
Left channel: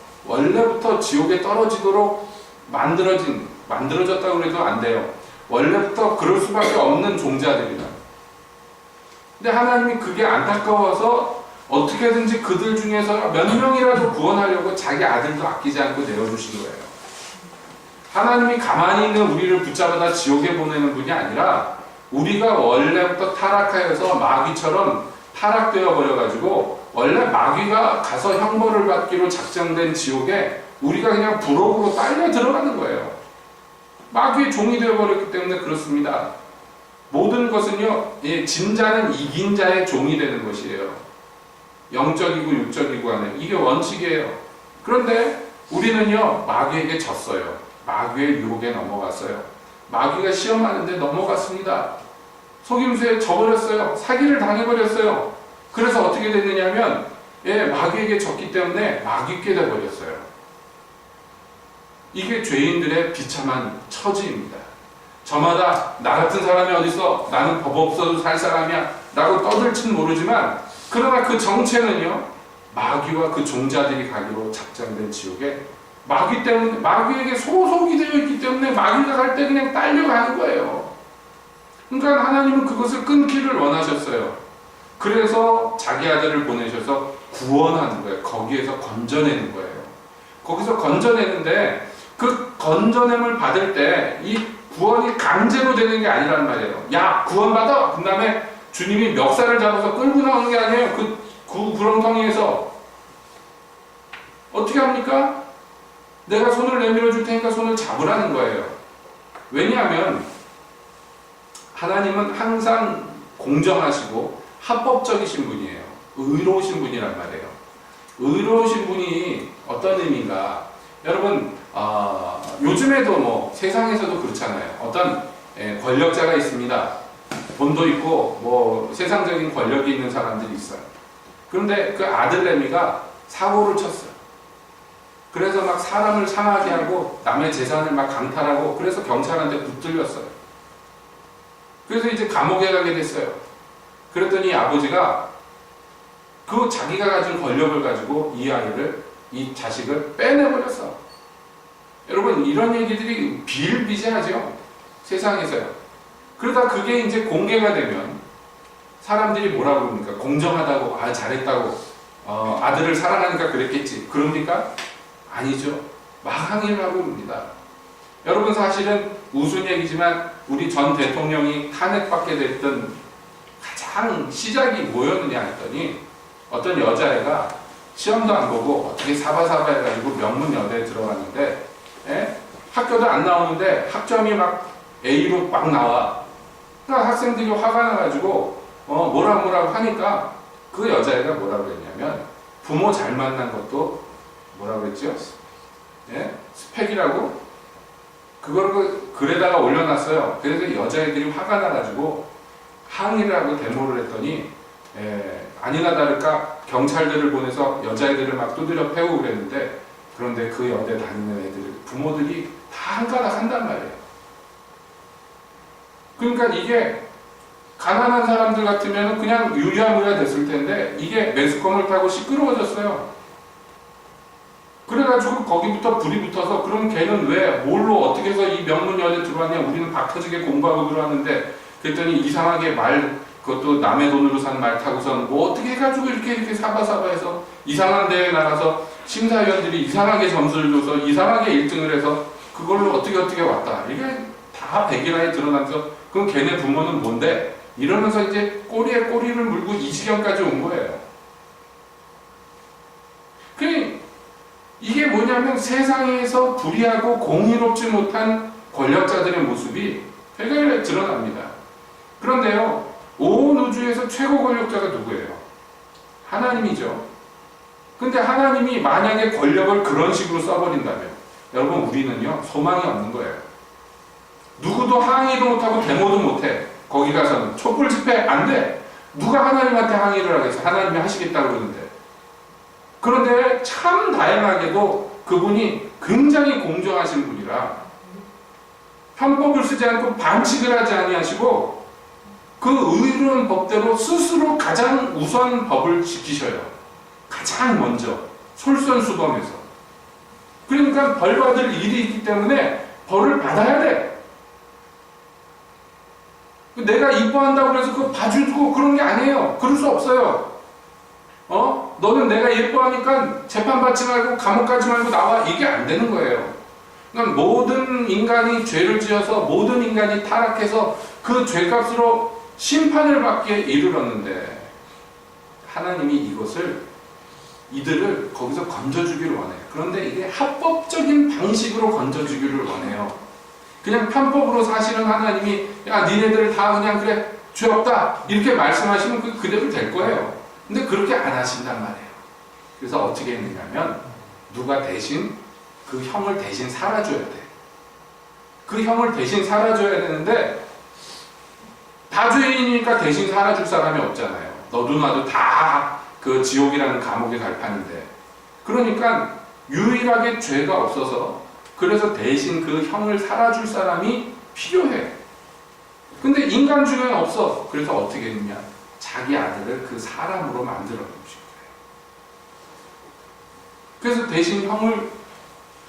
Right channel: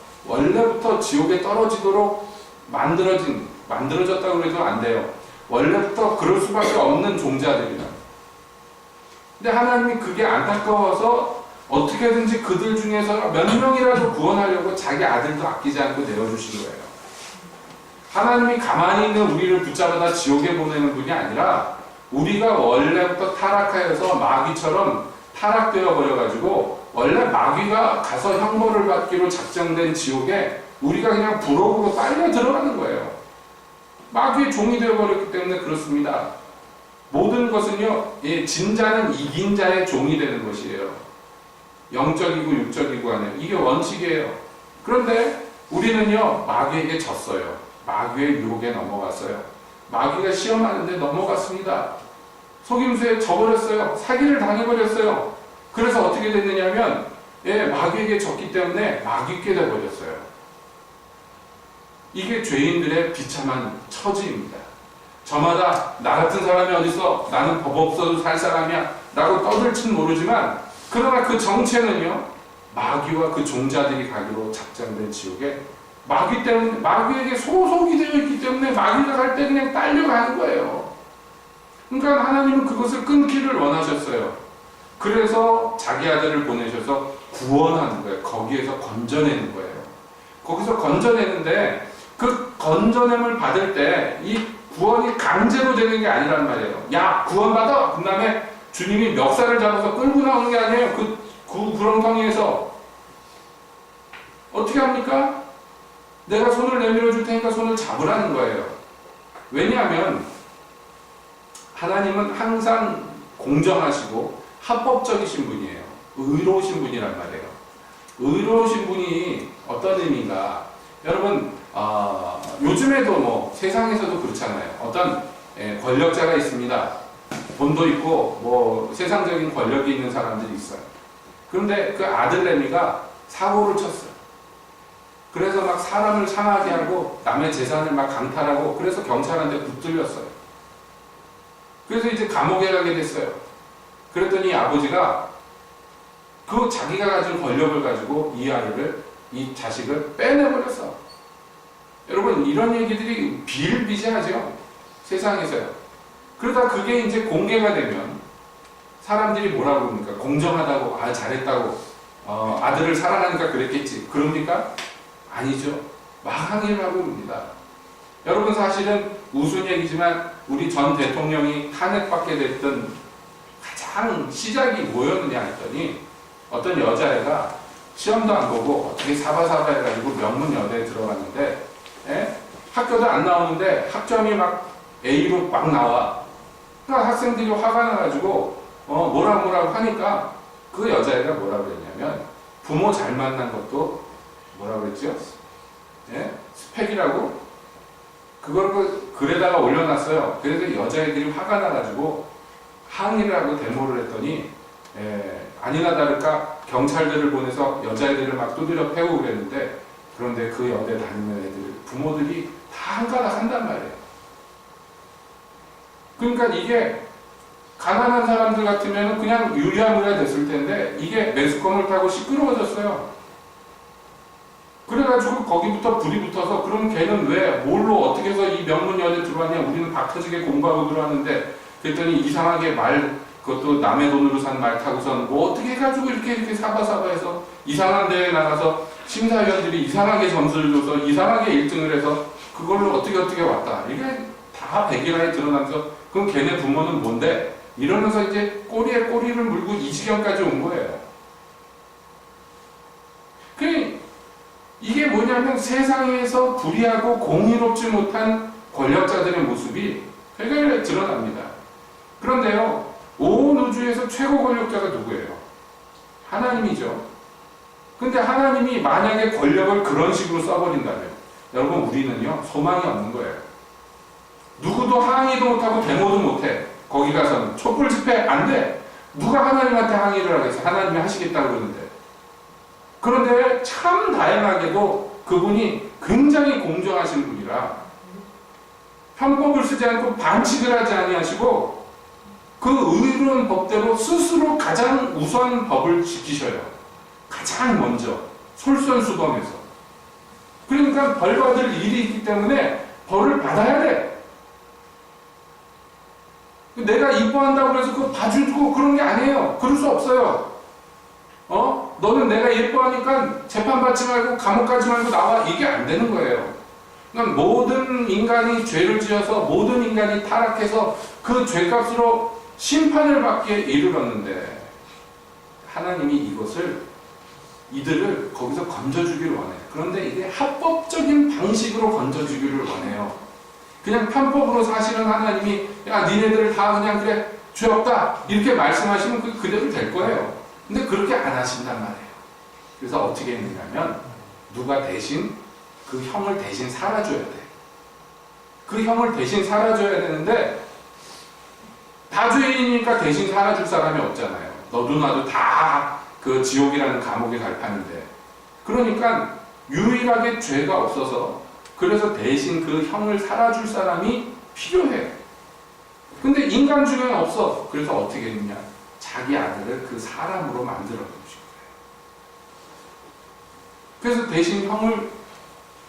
지옥에 떨어지도록 만들어졌다고 해도 안 돼요. 원래부터 그럴 수밖에 없는 종자들이다. 근데 하나님이 그게 안타까워서 어떻게든지 그들 중에서 몇 명이라도 구원하려고 자기 아들도 아끼지 않고 내어주신 거예요. 하나님이 가만히 있는 우리를 붙잡아다 지옥에 보내는 분이 아니라, 우리가 원래부터 타락하여서 마귀처럼 타락되어 버려가지고 원래 마귀가 가서 형벌을 받기로 작정된 지옥에 우리가 그냥 부록으로 딸려 들어가는 거예요. 마귀의 종이 되어버렸기 때문에 그렇습니다. 모든 것은요, 진 자는 이긴 자의 종이 되는 것이에요. 영적이고 육적이고 하는, 이게 원칙이에요. 그런데 우리는요, 마귀에게 졌어요. 마귀의 유혹에 넘어갔어요. 마귀가 시험하는데 넘어갔습니다. 속임수에 져버렸어요. 사기를 당해버렸어요. 그래서 어떻게 됐느냐면, 마귀에게 졌기 때문에 마귀께 돼버렸어요. 이게 죄인들의 비참한 처지입니다. 저마다 나 같은 사람이 어딨어? 나는 법 없어도 살 사람이야 라고 떠들진 모르지만, 그러나 그 정체는요, 마귀와 그 종자들이 가기로 작정된 지옥에 마귀 때문에, 마귀에게 소속이 되어 있기 때문에 마귀가 갈 때 그냥 딸려가는 거예요. 그러니까 하나님은 그것을 끊기를 원하셨어요. 그래서 자기 아들을 보내셔서 구원하는 거예요. 거기에서 건져내는 거예요. 거기서 건져내는데, 그 건져냄을 받을 때 이 구원이 강제로 되는 게 아니란 말이에요. 야, 구원받아! 그 다음에 주님이 멱살을 잡아서 끌고 나오는 게 아니에요. 그 구렁텅이에서 어떻게 합니까? 내가 손을 내밀어 줄 테니까 손을 잡으라는 거예요. 왜냐하면 하나님은 항상 공정하시고 합법적이신 분이에요. 의로우신 분이란 말이에요. 의로우신 분이 어떤 의미인가? 여러분, 요즘에도 뭐 세상에서도 그렇잖아요. 어떤 권력자가 있습니다. 돈도 있고 뭐 세상적인 권력이 있는 사람들이 있어요. 그런데 그 아들내미가 사고를 쳤어요. 그래서 막 사람을 상하게 하고 남의 재산을 막 강탈하고, 그래서 경찰한테 붙들렸어요. 그래서 이제 감옥에 가게 됐어요. 그랬더니 아버지가 그 자기가 가진 권력을 가지고 이 자식을 빼내버렸어. 여러분, 이런 얘기들이 비일비재하죠. 세상에서요. 그러다 그게 이제 공개가 되면 사람들이 뭐라고 그럽니까? 공정하다고, 잘했다고, 아들을 사랑하니까 그랬겠지. 그럽니까? 아니죠. 망항이라고 합니다. 여러분, 사실은 우스운 얘기지만 우리 전 대통령이 탄핵받게 됐던 가장 시작이 뭐였느냐 했더니, 어떤 여자애가 시험도 안 보고 어떻게 사바사바 해가지고 명문여대에 들어갔는데, 학교도 안 나오는데 학점이 막 A로 막 나와. 그러니까 학생들이 화가 나가지고 뭐라고 하니까 그 여자애가 뭐라고 그랬냐면, 부모 잘 만난 것도 뭐라고 그랬죠? 스펙이라고? 그걸 글에다가 올려놨어요. 그래서 여자애들이 화가 나가지고 항의를 하고 데모를 했더니, 아니나 다를까 경찰들을 보내서 여자애들을 막 두드려 패고 그랬는데, 그런데 그 여대 다니는 애들 부모들이 다 한가닥 한단 말이에요. 그러니까 이게 가난한 사람들 같으면 그냥 유야무야 됐을 텐데, 이게 매스컴을 타고 시끄러워졌어요. 그래가지고 거기부터 불이 붙어서, 그럼 걔는 왜 뭘로 어떻게 해서 이 명문여대 들어왔냐, 우리는 박 터지게 공부하고 들어왔는데, 그랬더니 이상하게 그것도 남의 돈으로 산 말 타고선 뭐 어떻게 해가지고 이렇게 사바사바해서 이상한 데에 나가서 심사위원들이 이상하게 점수를 줘서 이상하게 1등을 해서 그걸로 어떻게 왔다. 이게 다 백일하에 드러나면서, 그럼 걔네 부모는 뭔데? 이러면서 이제 꼬리에 꼬리를 물고 이 지경까지 온 거예요. 이게 뭐냐면, 세상에서 불의하고 공의롭지 못한 권력자들의 모습이 되게 드러납니다. 그런데요, 온 우주에서 최고 권력자가 누구예요? 하나님이죠. 근데 하나님이 만약에 권력을 그런 식으로 써버린다면, 여러분, 우리는요 소망이 없는 거예요. 누구도 항의도 못하고 데모도 못해. 거기 가서는 촛불 집회 안 돼. 누가 하나님한테 항의를 하겠어? 하나님이 하시겠다고 그러는데. 그런데 참 다행하게도 그분이 굉장히 공정하신 분이라 편법을 쓰지 않고 반칙을 하지 아니하시고, 그 의로운 법대로 스스로 가장 우선 법을 지키셔요. 가장 먼저 솔선수범해서. 그러니까 벌 받을 일이 있기 때문에 벌을 받아야 돼. 내가 이뻐한다고 해서 그거 봐주고 그런 게 아니에요. 그럴 수 없어요. 너는 내가 예뻐하니까 재판받지 말고 감옥 가지 말고 나와. 이게 안 되는 거예요. 그러니까 모든 인간이 죄를 지어서, 모든 인간이 타락해서 그 죄값으로 심판을 받기에 이르렀는데, 하나님이 이들을 거기서 건져주기를 원해요. 그런데 이게 합법적인 방식으로 건져주기를 원해요. 그냥 편법으로 사실은 하나님이, 야, 니네들 다 그냥 그래, 죄 없다 이렇게 말씀하시면 그대로 될 거예요. 근데 그렇게 안 하신단 말이에요. 그래서 어떻게 했느냐면, 누가 대신 그 형을 대신 살아줘야 돼. 그 형을 대신 살아줘야 되는데, 다 죄인이니까 대신 살아줄 사람이 없잖아요. 너도 나도 다 그 지옥이라는 감옥에 갈 판인데. 그러니까 유일하게 죄가 없어서 그래서 대신 그 형을 살아줄 사람이 필요해. 근데 인간 중에는 없어. 그래서 어떻게 했느냐? 자기 아들을 그 사람으로 만들어 놓으신 거예요. 그래서 대신 형을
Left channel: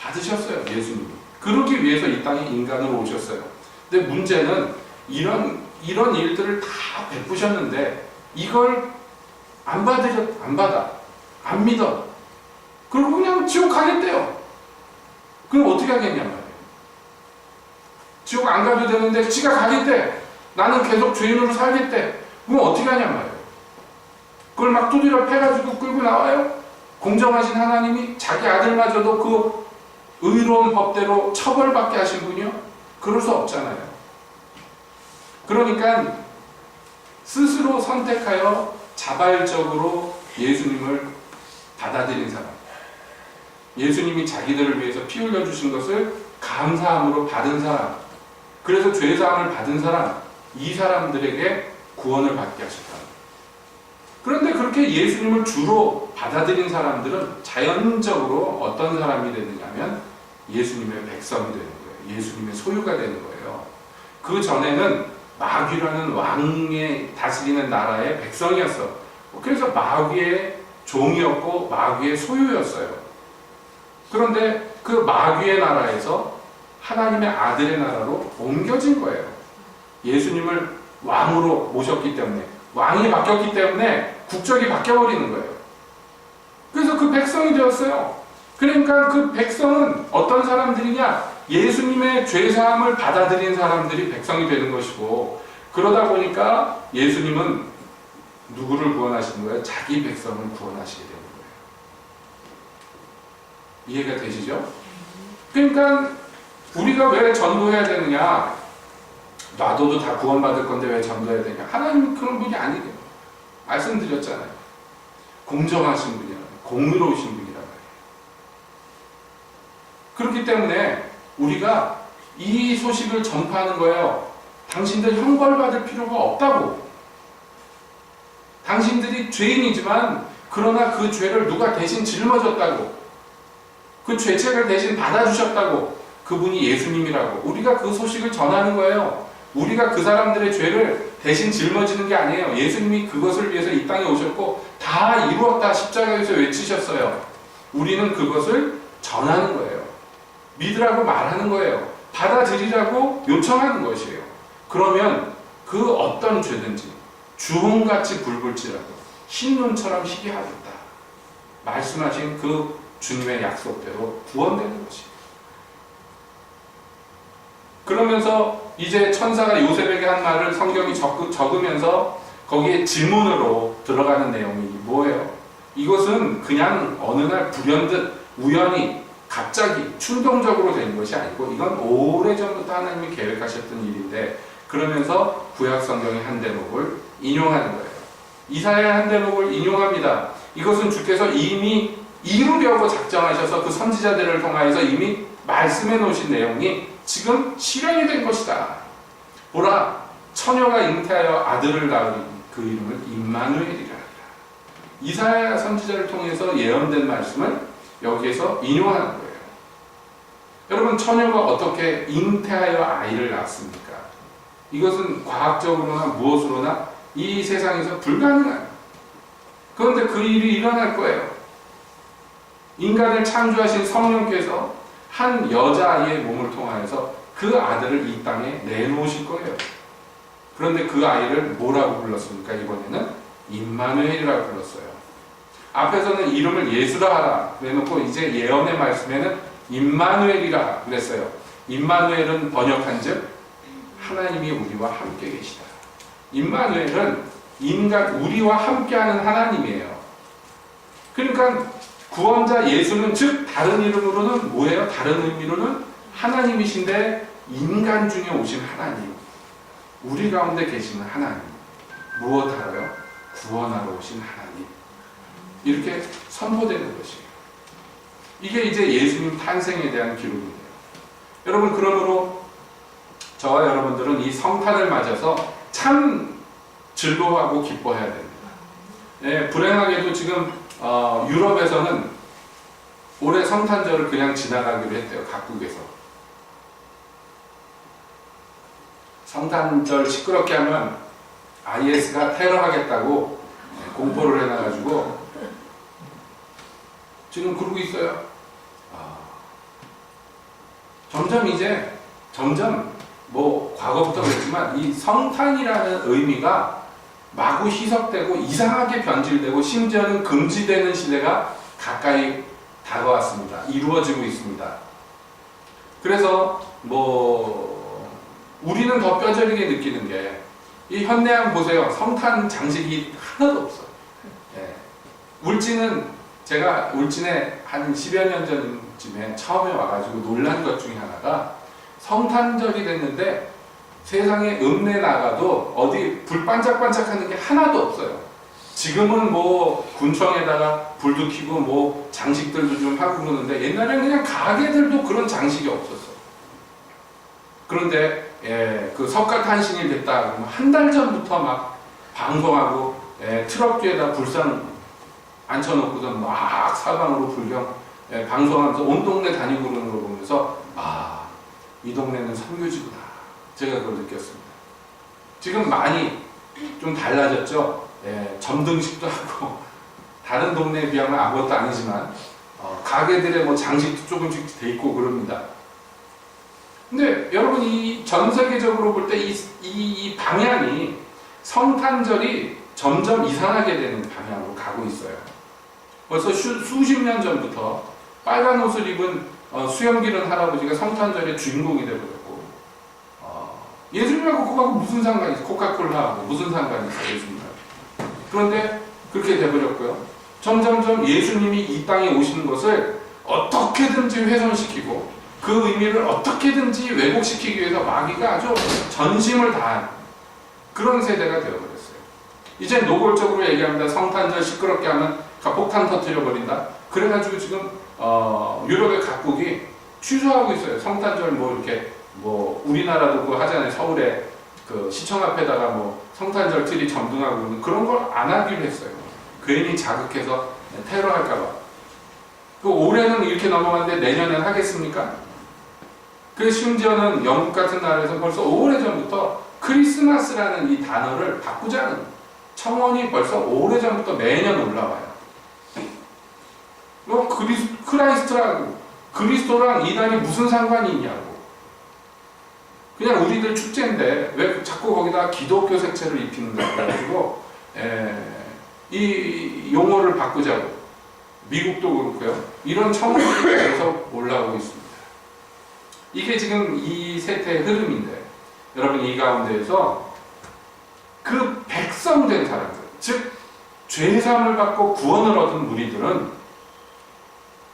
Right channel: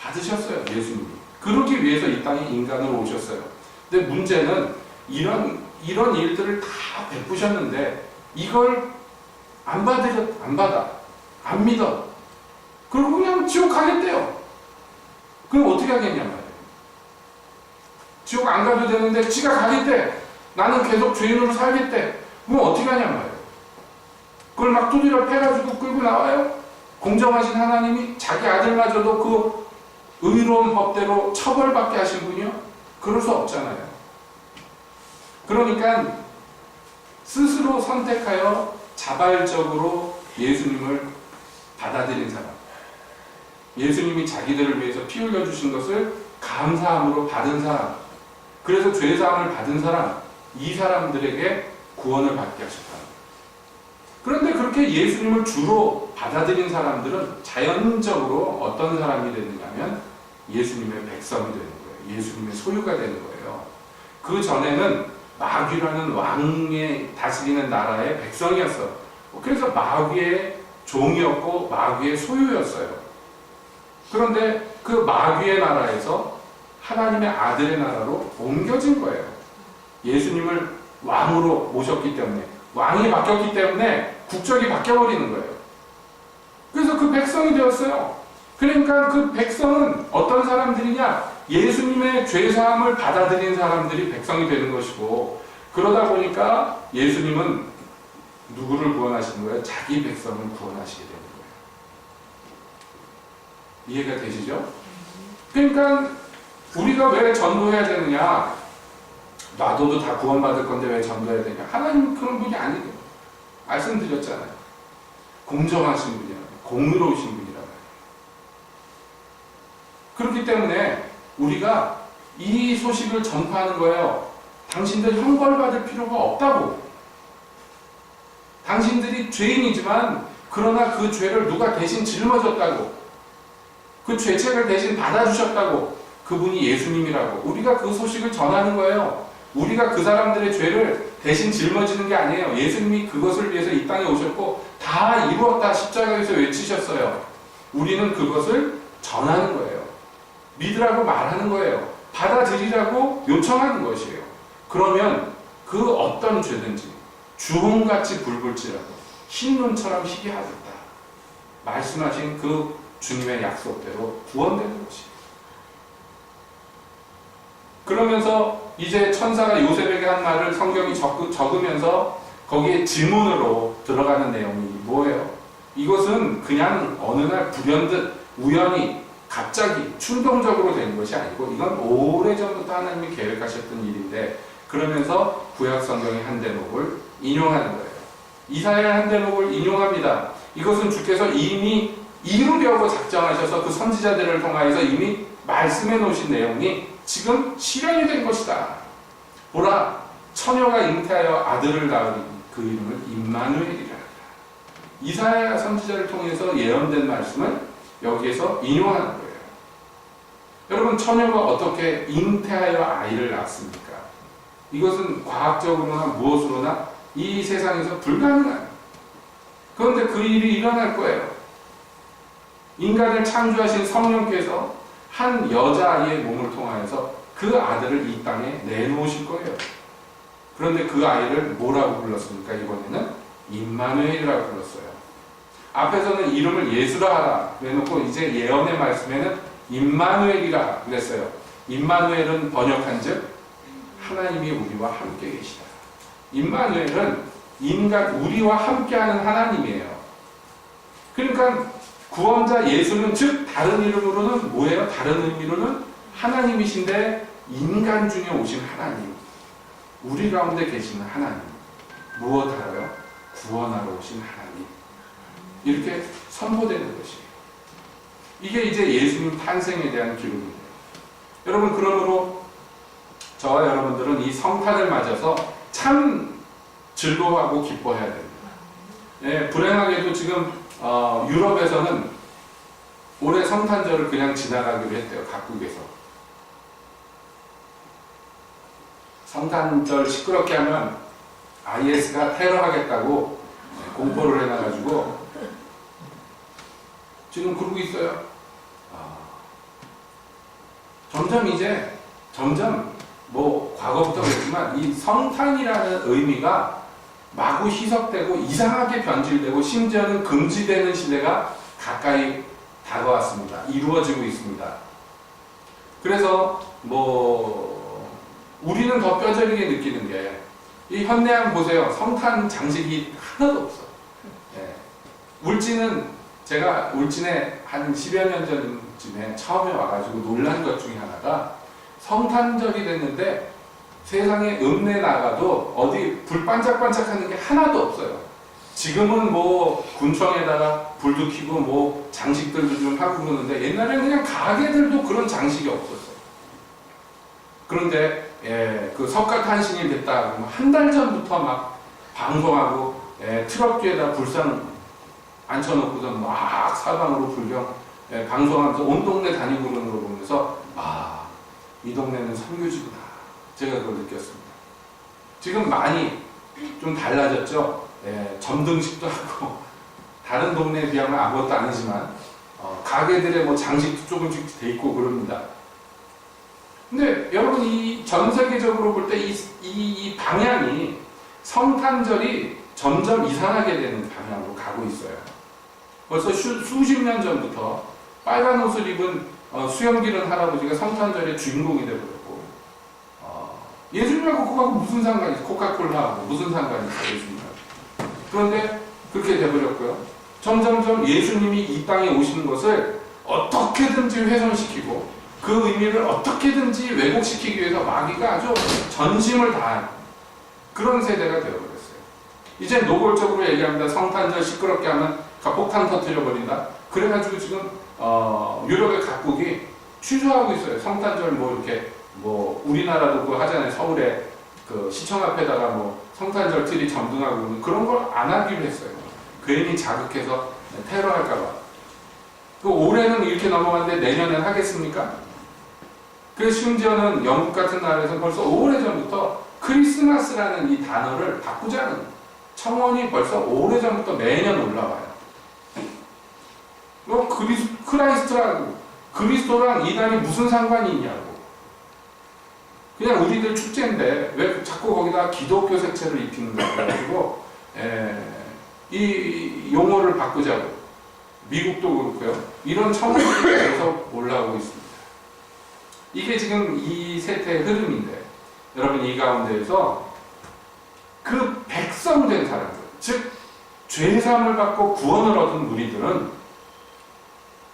받으셨어요, 예수님이. 그러기 위해서 이 땅에 인간으로 오셨어요. 근데 문제는 이런 일들을 다 베푸셨는데 이걸 안 받아. 안 믿어. 그리고 그냥 지옥 가겠대요. 그럼 어떻게 하겠냐 말이에요. 지옥 안 가도 되는데 지가 가겠대. 나는 계속 죄인으로 살겠대. 그럼 어떻게 하냐 말이에요. 그걸 막 두드려 패가지고 끌고 나와요. 공정하신 하나님이 자기 아들마저도 그 의로운 법대로 처벌받게 하신 분이요? 그럴 수 없잖아요. 그러니까 스스로 선택하여 자발적으로 예수님을 받아들인 사람, 예수님이 자기들을 위해서 피 흘려주신 것을 감사함으로 받은 사람, 그래서 죄사함을 받은 사람, 이 사람들에게 구원을 받게 하셨다. 그런데 그렇게 예수님을 주로 받아들인 사람들은 자연적으로 어떤 사람이 되느냐면 예수님의 백성이 되는 거예요. 예수님의 소유가 되는 거예요. 그 전에는 마귀라는 왕의 다스리는 나라의 백성이었어. 그래서 마귀의 종이었고 마귀의 소유였어요. 그런데 그 마귀의 나라에서 하나님의 아들의 나라로 옮겨진 거예요. 예수님을 왕으로 모셨기 때문에, 왕이 바뀌었기 때문에 국적이 바뀌어버리는 거예요. 그래서 그 백성이 되었어요. 그러니까 그 백성은 어떤 사람들이냐? 예수님의 죄사함을 받아들인 사람들이 백성이 되는 것이고, 그러다 보니까 예수님은 누구를 구원하시는 거예요? 자기 백성을 구원하시게 되는 거예요. 이해가 되시죠? 그러니까 우리가 왜 전도해야 되느냐? 놔둬도 다 구원받을 건데 왜 전도해야 되냐? 하나님은 그런 분이 아니에요. 말씀드렸잖아요. 공정하신 분이라고, 공의로우신 분이라고. 그렇기 때문에 우리가 이 소식을 전파하는 거예요. 당신들 형벌받을 필요가 없다고. 당신들이 죄인이지만 그러나 그 죄를 누가 대신 짊어졌다고. 그 죄책을 대신 받아주셨다고. 그분이 예수님이라고. 우리가 그 소식을 전하는 거예요. 우리가 그 사람들의 죄를 대신 짊어지는 게 아니에요. 예수님이 그것을 위해서 이 땅에 오셨고 다 이루었다 십자가에서 외치셨어요. 우리는 그것을 전하는 거예요. 믿으라고 말하는 거예요. 받아들이라고 요청하는 것이에요. 그러면 그 어떤 죄든지 주홍같이 붉을지라도 흰눈처럼 희게 하겠다. 말씀하신 그 주님의 약속대로 구원되는 것이에요. 그러면서 이제 천사가 요셉에게 한 말을 성경이 적으면서 거기에 질문으로 들어가는 내용이 뭐예요? 이것은 그냥 어느 날 불현듯 우연히 갑자기 충동적으로 된 것이 아니고 이건 오래전부터 하나님이 계획하셨던 일인데, 그러면서 구약 성경의 한 대목을 인용하는 거예요. 이사야의 한 대목을 인용합니다. 이것은 주께서 이미 이루려고 작정하셔서 그 선지자들을 통하여서 이미 말씀해 놓으신 내용이 지금 실현이 된 것이다. 보라, 처녀가 잉태하여 아들을 낳으리니 그 이름을 임마누엘이라 하리라. 이사야 선지자를 통해서 예언된 말씀을 여기에서 인용하는 거예요. 여러분, 처녀가 어떻게 잉태하여 아이를 낳습니까? 이것은 과학적으로나 무엇으로나 이 세상에서 불가능한. 그런데 그 일이 일어날 거예요. 인간을 창조하신 성령께서 한 여자아이의 몸을 통하여서 그 아들을 이 땅에 내놓으실 거예요. 그런데 그 아이를 뭐라고 불렀습니까? 이번에는 임마누엘이라고 불렀어요. 앞에서는 이름을 예수라 하라 그래놓고 이제 예언의 말씀에는 임마누엘이라 그랬어요. 임마누엘은 번역한즉 하나님이 우리와 함께 계시다. 임마누엘은 인간 우리와 함께하는 하나님이에요. 그러니까 구원자 예수는 즉 다른 이름으로는 뭐예요? 다른 의미로는 하나님이신데 인간 중에 오신 하나님, 우리 가운데 계시는 하나님, 무엇하러요? 구원하러 오신 하나님, 이렇게 선포되는 것이에요. 이게 이제 예수님 탄생에 대한 기록이에요. 여러분, 그러므로 저와 여러분들은 이 성탄을 맞아서 참 즐거워하고 기뻐해야 됩니다. 예, 불행하게도 지금 유럽에서는 올해 성탄절을 그냥 지나가기로 했대요. 각국에서. 성탄절 시끄럽게 하면 IS가 테러하겠다고 공포를 해놔가지고 지금 그러고 있어요. 점점 뭐 과거부터 그랬지만 이 성탄이라는 의미가 마구 희석되고 이상하게 변질되고 심지어는 금지되는 시대가 가까이 다가왔습니다. 이루어지고 있습니다. 그래서 뭐 우리는 더 뼈저리게 느끼는 게 이 현대한 보세요. 성탄 장식이 하나도 없어. 예. 제가 울진에 한 10여 년 전쯤에 처음에 와가지고 놀란 것 중에 하나가 성탄절이 됐는데 세상에 읍내 나가도 어디 불 반짝반짝하는 게 하나도 없어요. 지금은 뭐 군청에다가 불도 켜고 뭐 장식들도 좀 하고 그러는데 옛날에는 그냥 가게들도 그런 장식이 없었어요. 그런데 그 석가탄신일 됐다 그러면 한 달 전부터 막 방송하고 트럭 뒤에다 불상 앉혀놓고서 막 사방으로 불경 방송하면서 온 동네 다니고 그러는 걸 보면서 이 동네는 선교지구나 제가 그걸 느꼈습니다. 지금 많이 좀 달라졌죠. 점등식도 하고 다른 동네에 비하면 아무것도 아니지만 가게들의 뭐 장식도 조금씩 돼 있고 그럽니다. 근데 여러분 이 전 세계적으로 볼 때 이 방향이 성탄절이 점점 이상하게 되는 방향으로 가고 있어요. 벌써 수십 년 전부터 빨간 옷을 입은 수염기른 할아버지가 성탄절의 주인공이 되어버렸고 예수님하고 그거하고 무슨 상관이 있어요? 코카콜라하고 무슨 상관이 있어요? 예수님하고. 그런데 그렇게 돼버렸고요. 점점점 예수님이 이 땅에 오시는 것을 어떻게든지 훼손시키고 그 의미를 어떻게든지 왜곡시키기 위해서 마귀가 아주 전심을 다한 그런 세대가 되어버렸어요. 이제 노골적으로 얘기합니다. 성탄절 시끄럽게 하면 폭탄 터뜨려버린다. 그래가지고 지금 유럽의 각국이 취소하고 있어요. 성탄절 뭐 이렇게 뭐 우리나라도 그거 하잖아요. 서울에 그 시청 앞에다가 뭐 성탄절 트리 점등하고 그런 걸 안 하기로 했어요. 괜히 자극해서 테러할까봐. 그 올해는 이렇게 넘어갔는데 내년엔 하겠습니까? 그 심지어는 영국 같은 나라에서 벌써 오래전부터 크리스마스라는 이 단어를 바꾸자는 청원이 벌써 오래전부터 매년 올라와요. 뭐 크라이스트라고 그리스도랑 이 날이 무슨 상관이 있냐고. 그냥 우리들 축제인데 왜 자꾸 거기다 기독교 색채를 입히는가 그래가지고 이 용어를 바꾸자고. 미국도 그렇고요. 이런 청원들이 계속 올라오고 있습니다. 이게 지금 이 세태의 흐름인데 여러분 이 가운데에서 그 백성된 사람들, 즉 죄사함을 받고 구원을 얻은 무리들은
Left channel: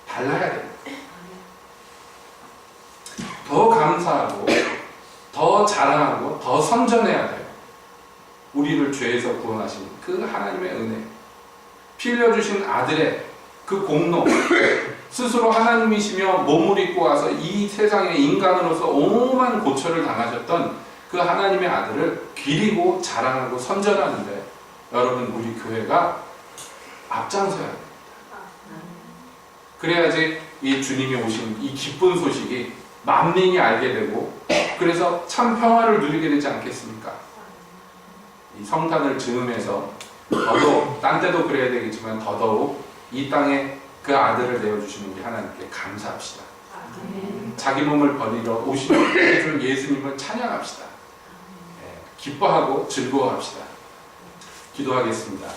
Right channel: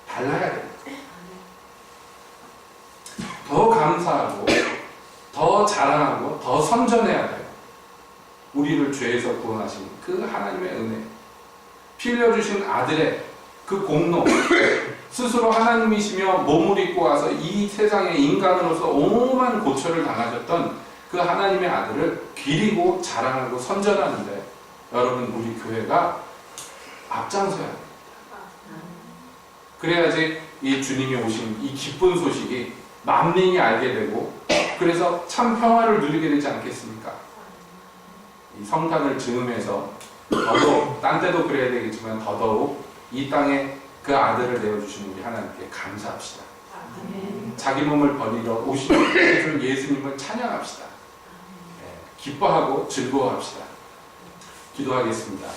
달라야 됩니다. 더 감사하고 더 자랑하고 더 선전해야 돼요. 우리를 죄에서 구원하신 그 하나님의 은혜, 피 흘려주신 아들의 그 공로, 스스로 하나님이시며 몸을 입고 와서 이 세상에 인간으로서 오만 고초를 당하셨던 그 하나님의 아들을 기리고 자랑하고 선전하는데 여러분 우리 교회가 앞장서야 됩니다. 그래야지 이 주님이 오신 이 기쁜 소식이 만민이 알게 되고 그래서 참 평화를 누리게 되지 않겠습니까? 이 성탄을 즈음해서 더더욱 딴 데도 그래야 되겠지만 더더욱 이 땅에 그 아들을 내어주시는 우리 하나님께 감사합시다. 자기 몸을 버리러 오신 예수님을 찬양합시다. 기뻐하고 즐거워합시다. 기도하겠습니다.